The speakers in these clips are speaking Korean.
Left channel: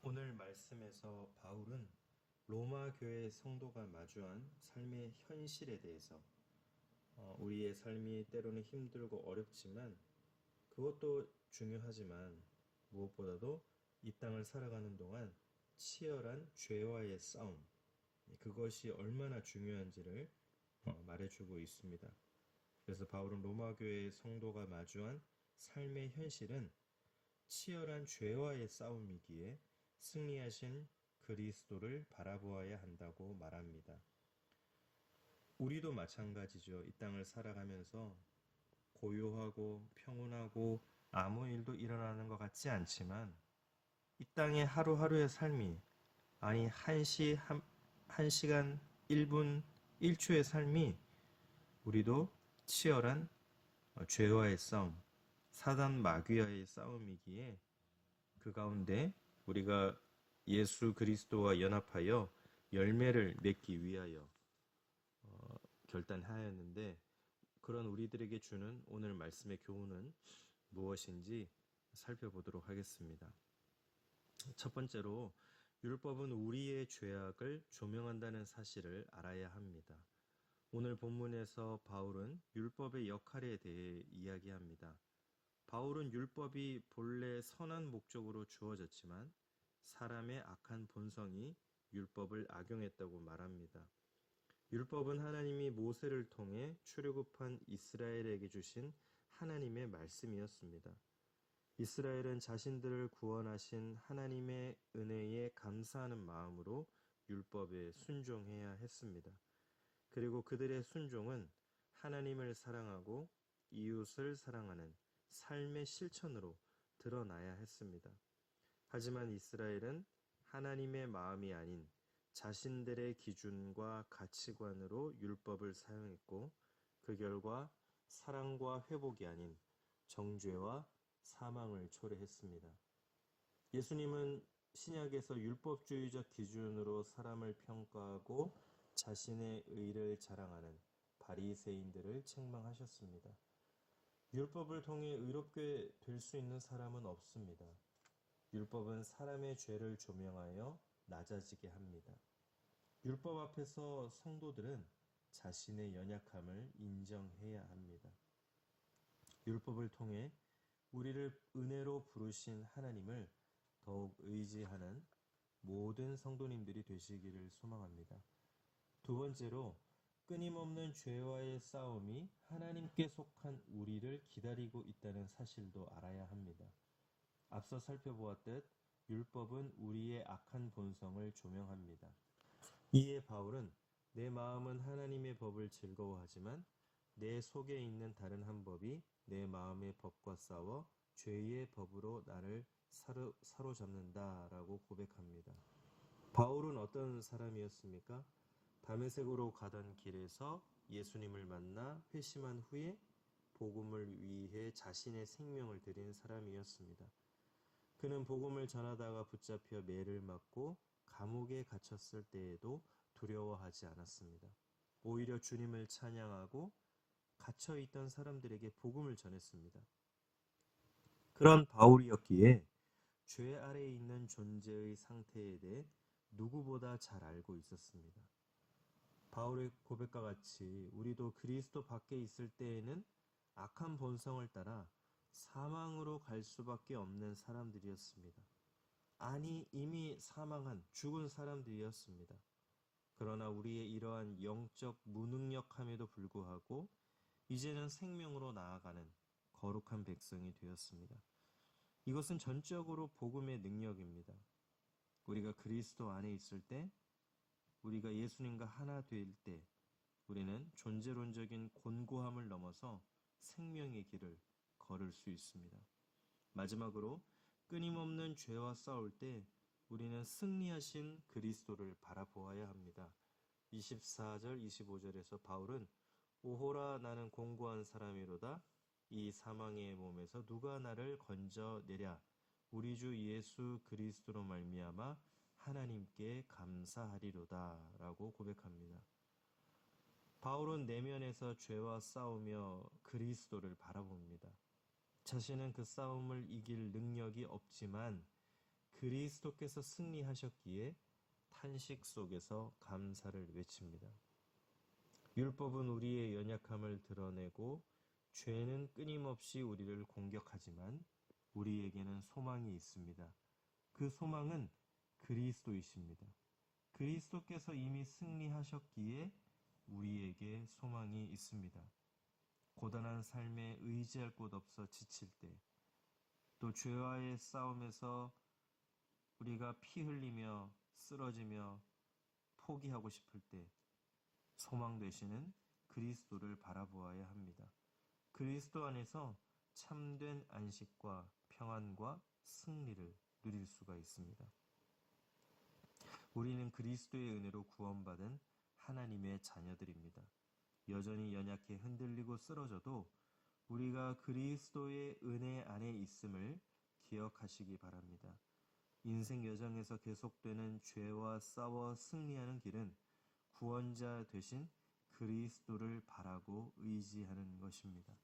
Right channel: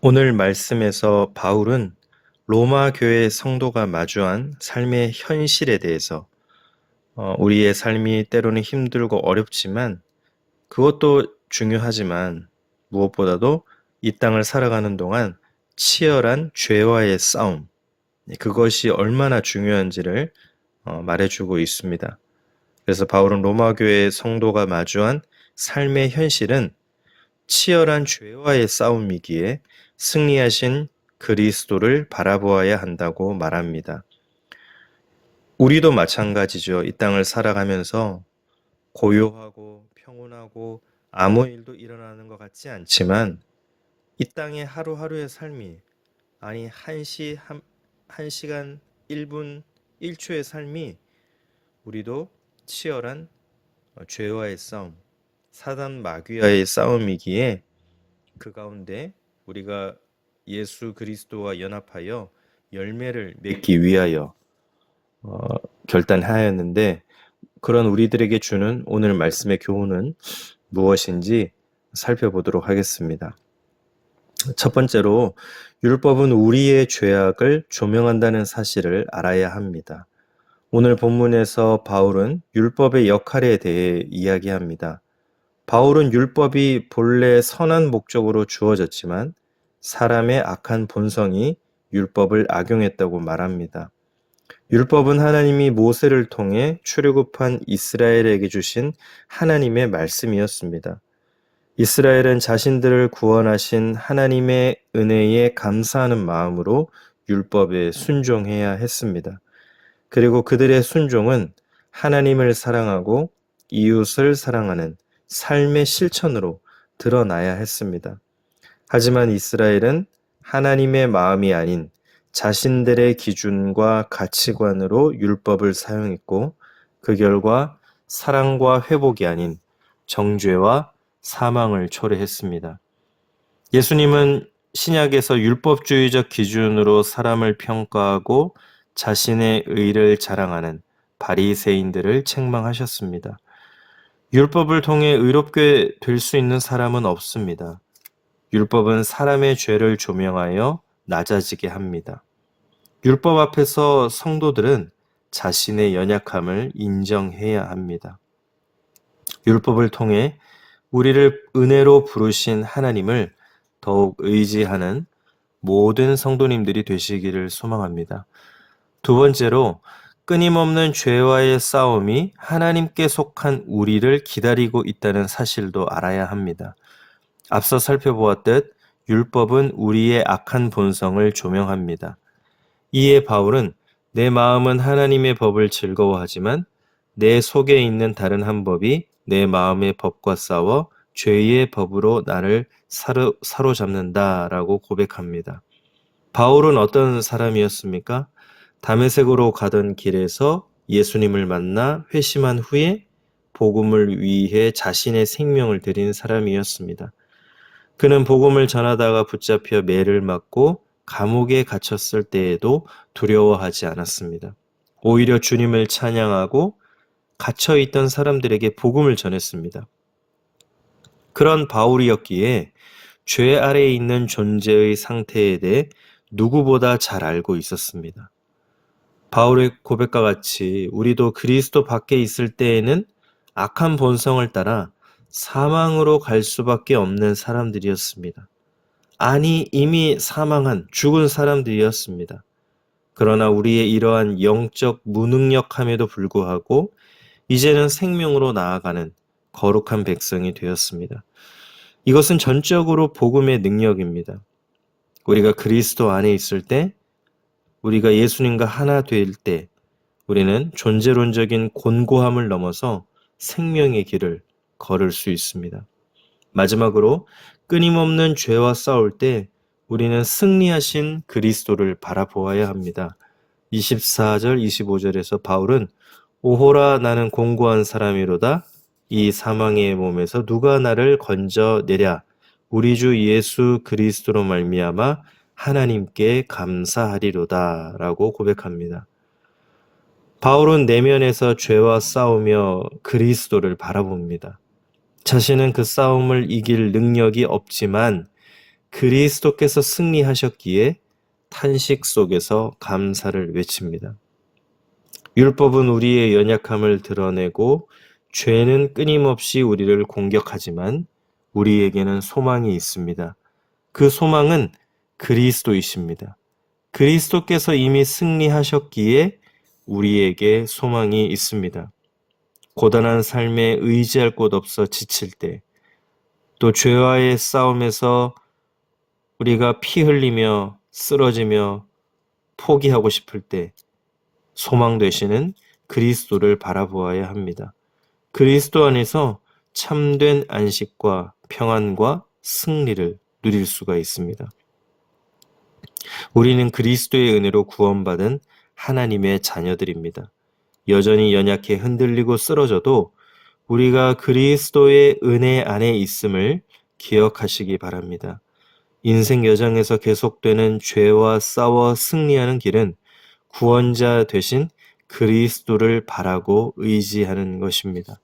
오늘 말씀에서 바울은 로마 교회 성도가 마주한 삶의 현실에 대해서 우리의 삶이 때로는 힘들고 어렵지만 그것도 중요하지만 무엇보다도 이 땅을 살아가는 동안 치열한 죄와의 싸움, 그것이 얼마나 중요한지를 말해주고 있습니다. 그래서 바울은 로마 교회 성도가 마주한 삶의 현실은 치열한 죄와의 싸움이기에 승리하신 그리스도를 바라보아야 한다고 말합니다. 우리도 마찬가지죠. 이 땅을 살아가면서 고요하고 평온하고 아무 일도 일어나는 것 같지 않지만 이 땅의 하루하루의 삶이 아니 한 시간 1분 1초의 삶이 우리도 치열한 죄와의 싸움, 사단 마귀와의 싸움이기에 그 가운데 우리가 예수 그리스도와 연합하여 열매를 맺기 위하여 어, 결단하였는데 그런 우리들에게 주는 오늘 말씀의 교훈은 무엇인지 살펴보도록 하겠습니다. 첫 번째로 율법은 우리의 죄악을 조명한다는 사실을 알아야 합니다. 오늘 본문에서 바울은 율법의 역할에 대해 이야기합니다. 바울은 율법이 본래 선한 목적으로 주어졌지만 사람의 악한 본성이 율법을 악용했다고 말합니다. 율법은 하나님이 모세를 통해 출애굽한 이스라엘에게 주신 하나님의 말씀이었습니다. 이스라엘은 자신들을 구원하신 하나님의 은혜에 감사하는 마음으로 율법에 순종해야 했습니다. 그리고 그들의 순종은 하나님을 사랑하고 이웃을 사랑하는 삶의 실천으로 드러나야 했습니다. 하지만 이스라엘은 하나님의 마음이 아닌 자신들의 기준과 가치관으로 율법을 사용했고 그 결과 사랑과 회복이 아닌 정죄와 사망을 초래했습니다. 예수님은 신약에서 율법주의적 기준으로 사람을 평가하고 자신의 의를 자랑하는 바리새인들을 책망하셨습니다. 율법을 통해 의롭게 될 수 있는 사람은 없습니다. 율법은 사람의 죄를 조명하여 낮아지게 합니다. 율법 앞에서 성도들은 자신의 연약함을 인정해야 합니다. 율법을 통해 우리를 은혜로 부르신 하나님을 더욱 의지하는 모든 성도님들이 되시기를 소망합니다. 두 번째로 끊임없는 죄와의 싸움이 하나님께 속한 우리를 기다리고 있다는 사실도 알아야 합니다. 앞서 살펴보았듯 율법은 우리의 악한 본성을 조명합니다. 이에 바울은 내 마음은 하나님의 법을 즐거워하지만 내 속에 있는 다른 한 법이 내 마음의 법과 싸워 죄의 법으로 나를 사로잡는다라고 고백합니다. 바울은 어떤 사람이었습니까? 다메섹으로 가던 길에서 예수님을 만나 회심한 후에 복음을 위해 자신의 생명을 드린 사람이었습니다. 그는 복음을 전하다가 붙잡혀 매를 맞고 감옥에 갇혔을 때에도 두려워하지 않았습니다. 오히려 주님을 찬양하고 갇혀있던 사람들에게 복음을 전했습니다. 그런 바울이었기에 죄 아래에 있는 존재의 상태에 대해 누구보다 잘 알고 있었습니다. 바울의 고백과 같이 우리도 그리스도 밖에 있을 때에는 악한 본성을 따라 사망으로 갈 수밖에 없는 사람들이었습니다. 아니, 이미 사망한 죽은 사람들이었습니다. 그러나 우리의 이러한 영적 무능력함에도 불구하고 이제는 생명으로 나아가는 거룩한 백성이 되었습니다. 이것은 전적으로 복음의 능력입니다. 우리가 그리스도 안에 있을 때, 우리가 예수님과 하나 될 때, 우리는 존재론적인 곤고함을 넘어서 생명의 길을 걸을 수 있습니다. 마지막으로 끊임없는 죄와 싸울 때 우리는 승리하신 그리스도를 바라보아야 합니다. 24절, 25절에서 바울은 오호라 나는 공고한 사람이로다. 이 사망의 몸에서 누가 나를 건져내랴. 우리 주 예수 그리스도로 말미암아 하나님께 감사하리로다 라고 고백합니다. 바울은 내면에서 죄와 싸우며 그리스도를 바라봅니다. 자신은 그 싸움을 이길 능력이 없지만 그리스도께서 승리하셨기에 탄식 속에서 감사를 외칩니다. 율법은 우리의 연약함을 드러내고 죄는 끊임없이 우리를 공격하지만 우리에게는 소망이 있습니다. 그 소망은 그리스도이십니다. 그리스도께서 이미 승리하셨기에 우리에게 소망이 있습니다. 고단한 삶에 의지할 곳 없어 지칠 때, 또 죄와의 싸움에서 우리가 피 흘리며 쓰러지며 포기하고 싶을 때 소망 되시는 그리스도를 바라보아야 합니다. 그리스도 안에서 참된 안식과 평안과 승리를 누릴 수가 있습니다. 우리는 그리스도의 은혜로 구원받은 하나님의 자녀들입니다. 여전히 연약해 흔들리고 쓰러져도 우리가 그리스도의 은혜 안에 있음을 기억하시기 바랍니다. 인생 여정에서 계속되는 죄와 싸워 승리하는 길은 구원자 되신 그리스도를 바라고 의지하는 것입니다.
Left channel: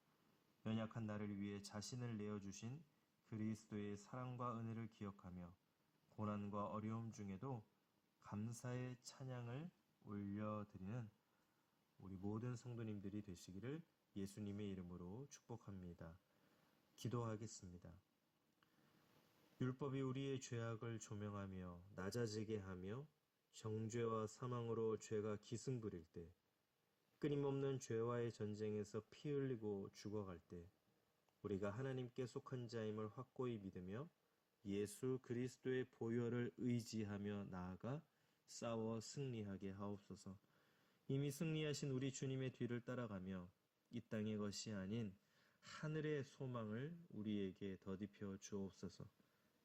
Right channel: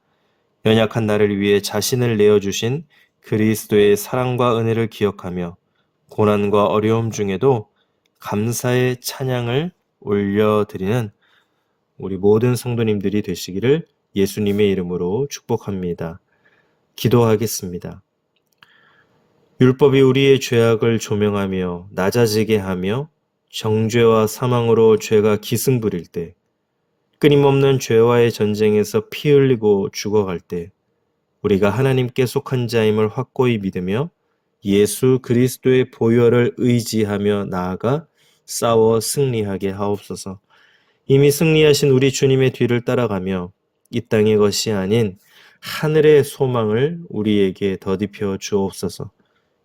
연약한 나를 위해 자신을 내어주신 그리스도의 사랑과 은혜를 기억하며 고난과 어려움 중에도 감사의 찬양을 올려드리는 우리 모든 성도님들이 되시기를 예수님의 이름으로 축복합니다. 기도하겠습니다. 율법이 우리의 죄악을 조명하며 낮아지게 하며 정죄와 사망으로 죄가 기승부릴 때, 끊임없는 죄와의 전쟁에서 피 흘리고 죽어갈 때, 우리가 하나님께 속한 자임을 확고히 믿으며 예수 그리스도의 보혈을 의지하며 나아가 싸워 승리하게 하옵소서. 이미 승리하신 우리 주님의 뒤를 따라가며 이 땅의 것이 아닌 하늘의 소망을 우리에게 더딥혀 주옵소서.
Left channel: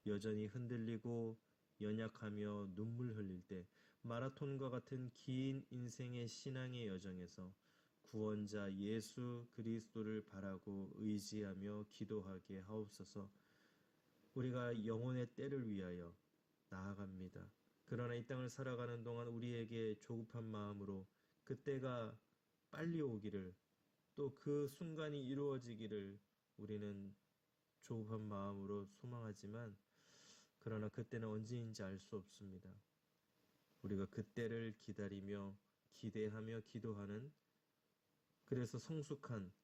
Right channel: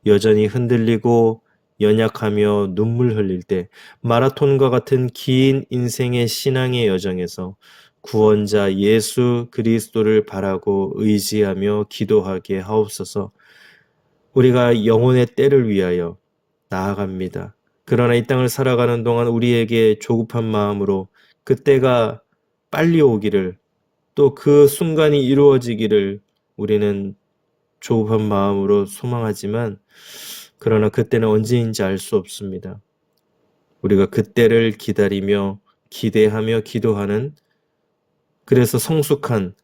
여전히 흔들리고 연약하며 눈물 흘릴 때 마라톤과 같은 긴 인생의 신앙의 여정에서 구원자 예수 그리스도를 바라고 의지하며 기도하게 하옵소서. 우리가 영혼의 때를 위하여 나아갑니다. 그러나 이 땅을 살아가는 동안 우리에게 조급한 마음으로 그 때가 빨리 오기를, 또 그 순간이 이루어지기를 우리는 조급한 마음으로 소망하지만, 그러나 그때는 언제인지 알 수 없습니다. 우리가 그때를 기다리며 기대하며 기도하는, 그래서 성숙한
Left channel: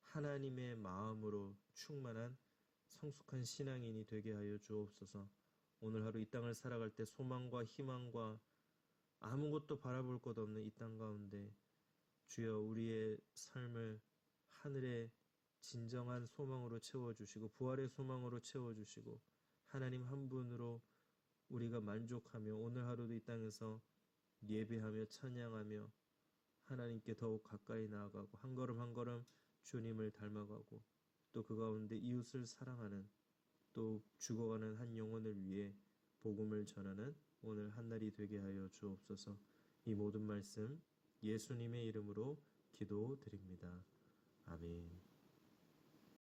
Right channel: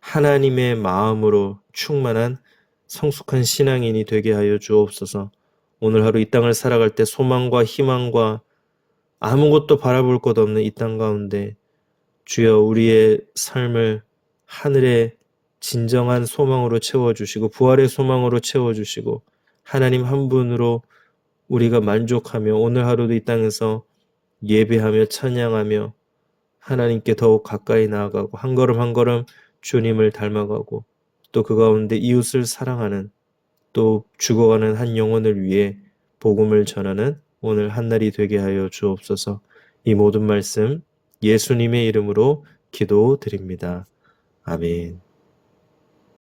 하나님의 마음으로 충만한 성숙한 신앙인이 되게 하여 주옵소서. 오늘 하루 이 땅을 살아갈 때 소망과 희망과 아무것도 바라볼 것 없는 이 땅 가운데 주여 우리의 삶을 하늘의 진정한 소망으로 채워주시고 부활의 소망으로 채워주시고 하나님 한 분으로 우리가 만족하며 오늘 하루도 이 땅에서 예배하며 찬양하며 하나님께 더욱 가까이 나아가고 한 걸음 한 걸음 주님을 닮아가고 또 그 가운데 이웃을 사랑하는, 또 죽어가는 한 영혼을 위해 복음을 전하는 오늘 한날이 되게 하여 주옵소서. 이 모든 말씀 예수님의 이름으로 기도드립니다. 아멘.